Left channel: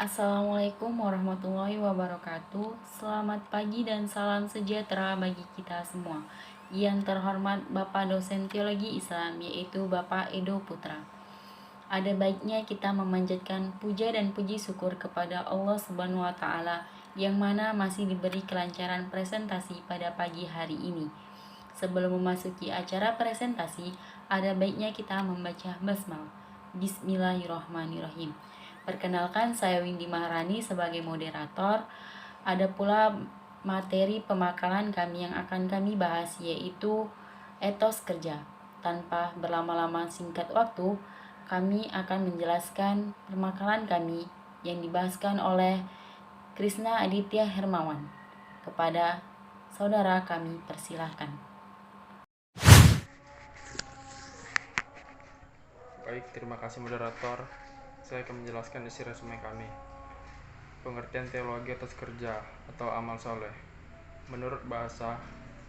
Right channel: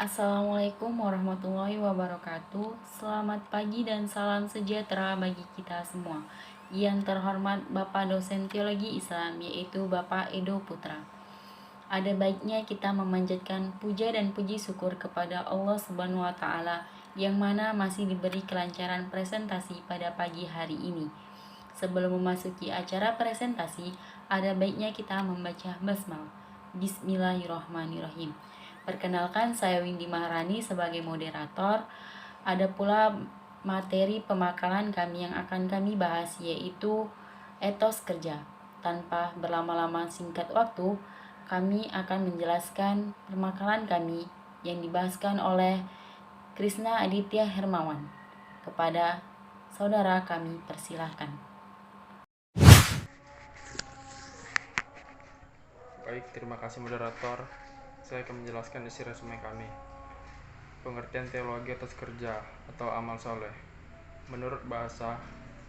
Assalamualaikum warahmatullahi wabarakatuh. Selamat pagi dan salam sejahtera bagi kita semua. Yang terhormat Bapak dosen Teologi Islam, yaitu Bapak Edo Putra. Ada baiknya kita memanjatkan puja dan puji syukur kepada Allah Subhanahu wa taala yang mana masih diberi kelancaran presentasi pada pagi hari ini. Sebelum memasuki acara presentasi, ada baiknya kita membaca basmalah. Bismillahirrahmanirrahim. Perkenalkan, saya Windy Maharani sebagai moderator. Ada pula materi pemakalan kami yang akan kami bahas, yaitu etos kerja. Tanpa berlama-lama singkat waktu, kami akan menjelaskan pemakalan kami yang dibahaskan oleh Krisna Aditya Hermawan. Kepada saudara kami persilahkan. Baik, terima kasih moderator. Saya akan menjelaskan isi resume kami. Pengertian teologi atas kerja atau amal soleh. Menurut bahasa,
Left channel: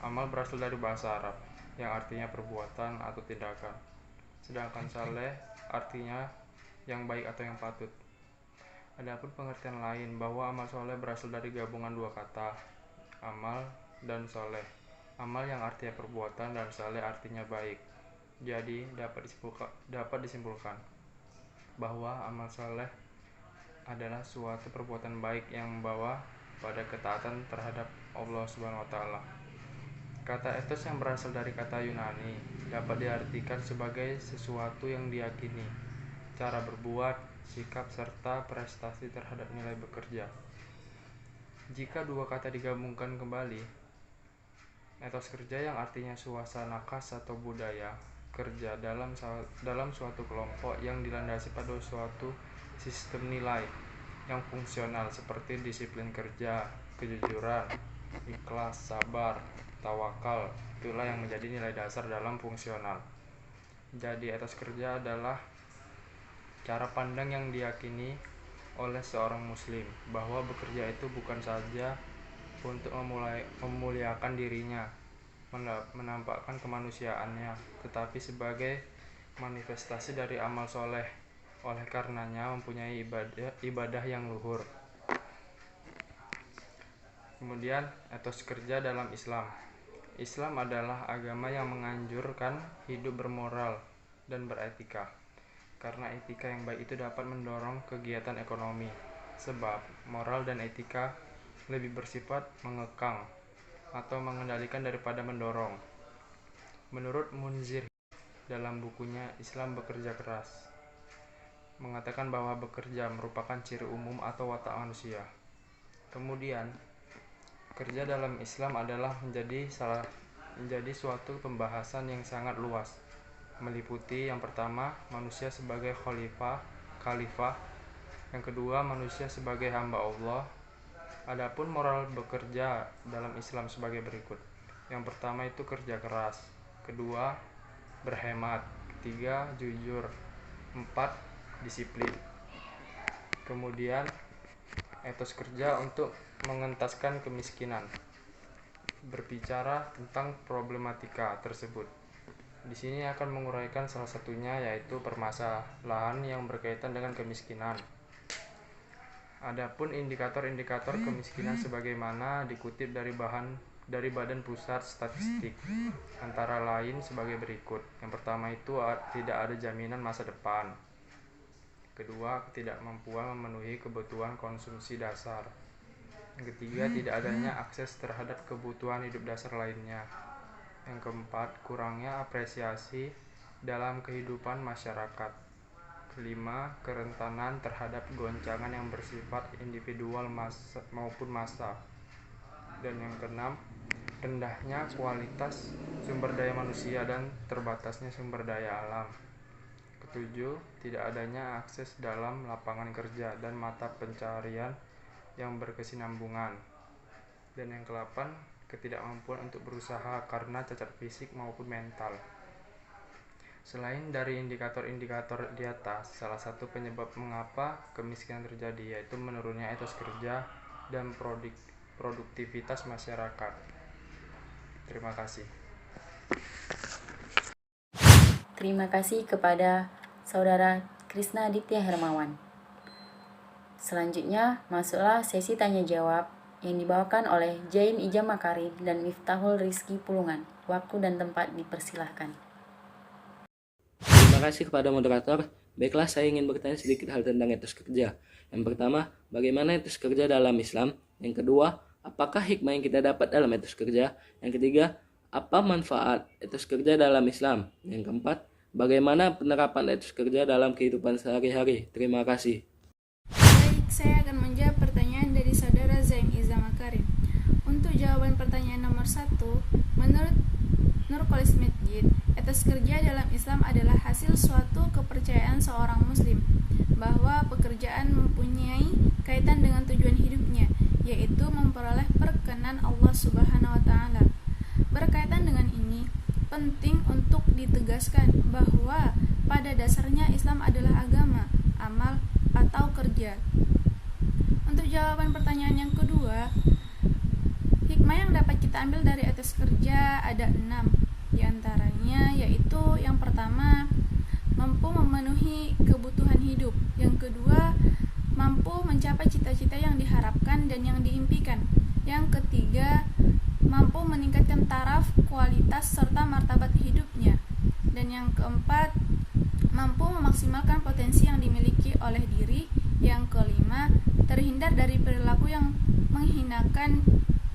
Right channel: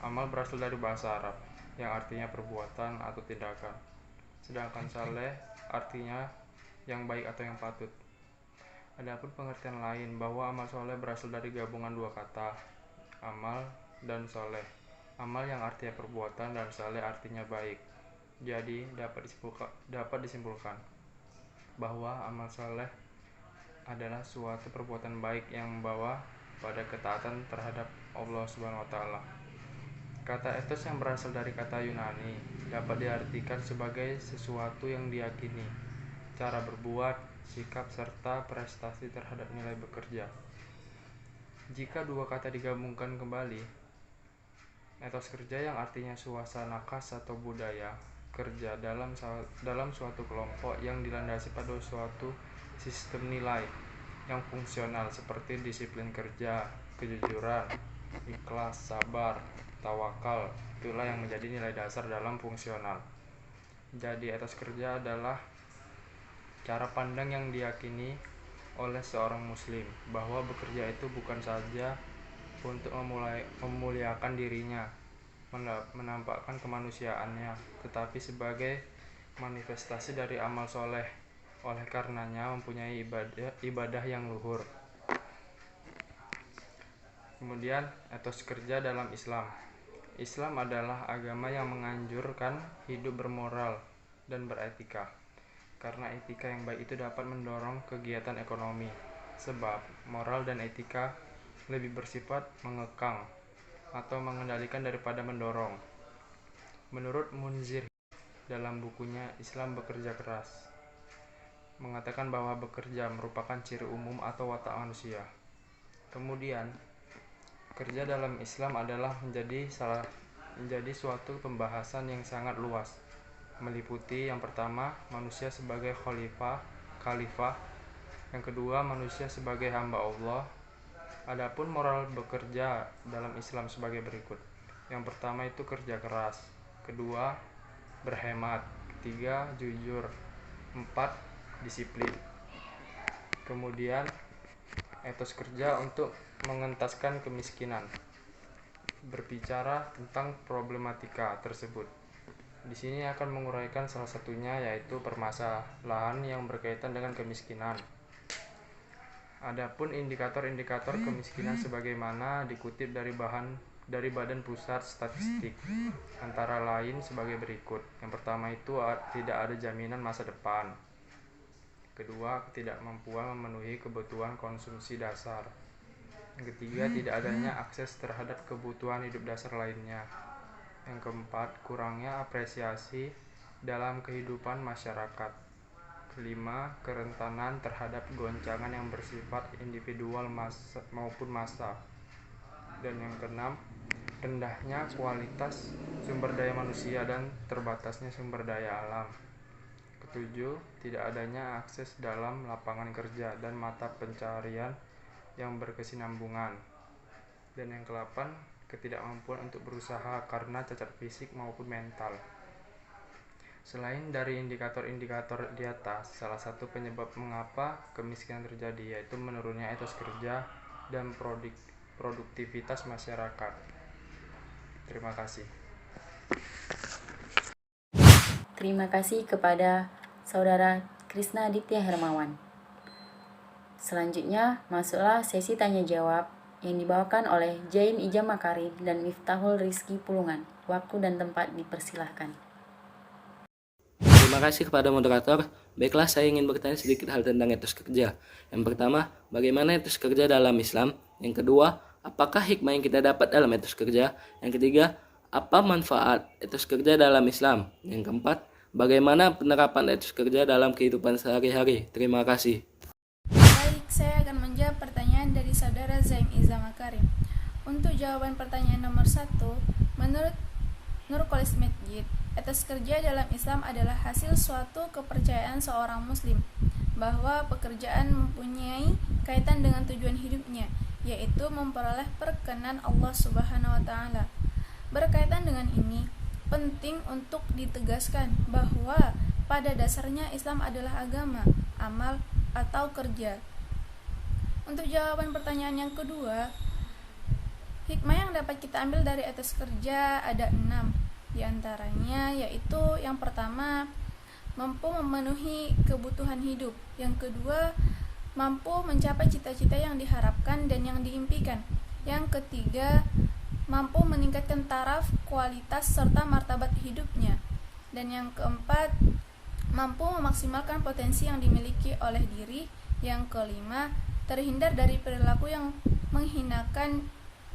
amal berasal dari bahasa Arab yang artinya perbuatan atau tindakan. Sedangkan saleh artinya yang baik atau yang patut. Adapun pengertian lain bahwa amal soleh berasal dari gabungan dua kata, amal dan soleh. Amal yang artinya perbuatan dan saleh artinya baik. Jadi dapat disimpulkan bahwa amal soleh adalah suatu perbuatan baik yang membawa pada ketaatan terhadap Allah Subhanahu wa taala. Kata etos yang berasal dari kata Yunani dapat diartikan sebagai sesuatu yang diyakini, cara berbuat, sikap serta prestasi terhadap nilai bekerja. Jika dua kata digabungkan kembali, etos kerja yang artinya suasana khas atau budaya kerja dalam suatu kelompok yang dilandasi pada suatu sistem nilai yang fungsional seperti disiplin kerja, kejujuran, ikhlas, sabar, tawakal. Itulah yang menjadi nilai dasar dalam fungsional. Jadi etos kerja adalah cara pandang yang diyakini oleh seorang muslim bahwa bekerja itu bukan saja untuk memuliakan dirinya, menampakkan kemanusiaannya, tetapi sebagai manifestasi dari amal soleh. Oleh karenanya mempunyai ibadah yang luhur. Kemudian etos kerja dalam Islam. Islam adalah agama yang menganjurkan hidup bermoral dan beretika. Karena etika yang baik itu dapat mendorong kegiatan ekonomi. Sebab moral dan etika lebih bersifat mengekang atau mengendalikan daripada mendorong. Menurut Munzir dalam bukunya Islam Bekerja Keras, mengatakan bahwa bekerja merupakan ciri umum atau watak manusia. Kemudian, kerja dalam Islam adalah menjadi suatu pembahasan yang sangat luas, meliputi yang pertama manusia sebagai khalifah, yang kedua manusia sebagai hamba Allah. Adapun moral bekerja dalam Islam sebagai berikut. Yang pertama itu kerja keras, kedua berhemat, ketiga jujur, empat disiplin. Kemudian etos kerja untuk mengentaskan kemiskinan. Berbicara tentang problematika tersebut. Di sini akan menguraikan salah satunya, yaitu permasalahan yang berkaitan dengan kemiskinan. Adapun indikator-indikator kemiskinan sebagaimana dikutip dari Badan Pusat Statistik, antara lain sebagai berikut. Yang pertama itu tidak ada jaminan masa depan. Kedua, ketidakmampuan memenuhi kebutuhan konsumsi dasar. Yang ketiga, tidak adanya akses terhadap kebutuhan hidup dasar lainnya. Yang keempat, kurangnya apresiasi dalam kehidupan masyarakat. Kelima, kerentanan terhadap goncangan yang bersifat individual maupun massa. Dan yang keenam, rendahnya kualitas sumber daya manusia dan terbatasnya sumber daya alam. Ketujuh, tidak adanya akses dalam lapangan kerja dan mata pencarian yang berkesinambungan. Dan yang kedelapan, ketidakmampuan untuk berusaha karena cacat fisik maupun mental. Selain dari indikator-indikator di atas, salah satu penyebab mengapa kemiskinan terjadi yaitu menurunnya etos kerja dan produktivitas masyarakat. Terima kasih. Terima kasih kepada saudara Krisna Aditya Hermawan. Selanjutnya, masuklah sesi tanya jawab yang dibawakan oleh Jaim Ijam Makarim dan Miftahul Rizki Pulungan. Waktu dan tempat dipersilahkan. Terima kasih kepada moderator. Baiklah, saya ingin bertanya sedikit hal tentang etos kerja. Yang pertama, bagaimana etos kerja dalam Islam? Yang kedua, apakah hikmah yang kita dapat dalam etos kerja? Yang ketiga, apa manfaat etos kerja dalam Islam? Yang keempat, bagaimana penerapan etos kerja dalam kehidupan sehari-hari? Terima kasih. Baik, saya akan menjawab pertanyaan dari saudara Zain Iza Makarim. Untuk jawaban pertanyaan nomor 1, menurut Nurkolis Masjid, etos kerja dalam Islam adalah hasil suatu kepercayaan seorang muslim bahwa pekerjaan mempunyai kaitan dengan tujuan hidupnya, yaitu memperoleh perkenan Allah Subhanahu wa taala. Berkaitan dengan ini, penting untuk ditegaskan bahwa pada dasarnya Islam adalah agama, amal, atau kerja. Untuk jawaban pertanyaan yang kedua, hikmah yang dapat kita ambil dari etos kerja ada 6. Di antaranya yaitu yang pertama, mampu memenuhi kebutuhan hidup. Yang kedua, mampu mencapai cita-cita yang diharapkan dan yang diimpikan. Yang ketiga, mampu meningkatkan taraf, kualitas, serta martabat hidupnya. Dan yang keempat, mampu memaksimalkan potensi yang dimiliki oleh diri. Yang kelima, terhindar dari perilaku yang menghinakan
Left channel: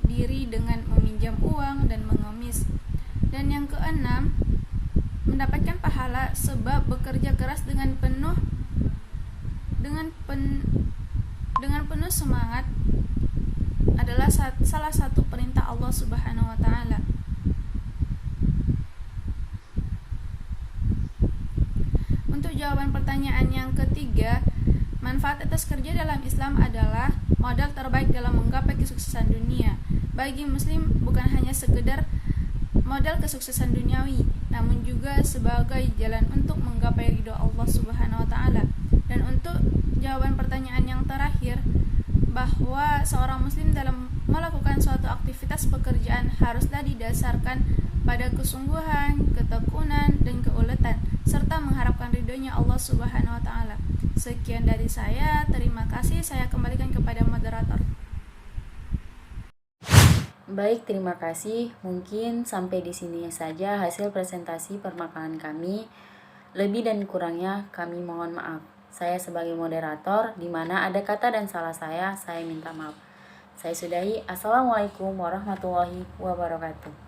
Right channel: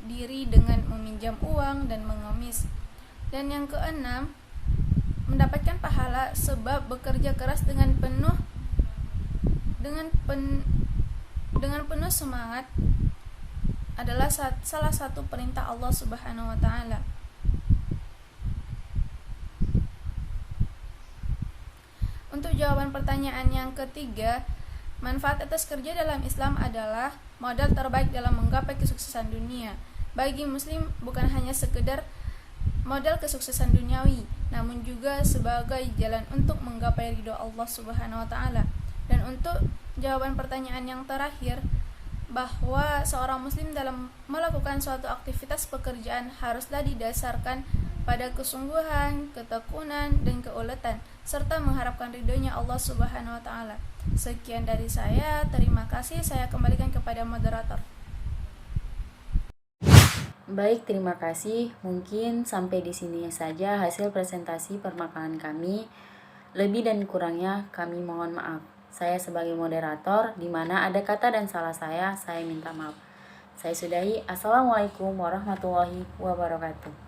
diri dengan meminjam uang dan mengemis. Dan yang keenam, mendapatkan pahala sebab bekerja keras dengan penuh semangat adalah salah satu perintah Allah Subhanahu wa taala. Untuk jawaban pertanyaan yang ketiga, manfaat atas kerja dalam Islam adalah modal terbaik dalam menggapai kesuksesan dunia. Bagi muslim bukan hanya sekedar modal kesuksesan duniawi, namun juga sebagai jalan untuk menggapai ridho Allah Subhanahu wa taala. Dan untuk jawaban pertanyaan yang terakhir, bahwa seorang muslim dalam melakukan suatu aktivitas pekerjaan haruslah didasarkan pada kesungguhan, ketekunan, dan keuletan, serta mengharapkan ridhonya Allah Subhanahu wa taala. Sekian dari saya, terima kasih. Saya kembalikan kepada moderator. Baik, terima kasih. Mungkin sampai di sini saja hasil presentasi permakanan kami. Lebih dan kurangnya kami mohon maaf. Saya sebagai moderator, di mana ada kata dan salah saya minta maaf. Saya sudahi. Assalamualaikum warahmatullahi wabarakatuh.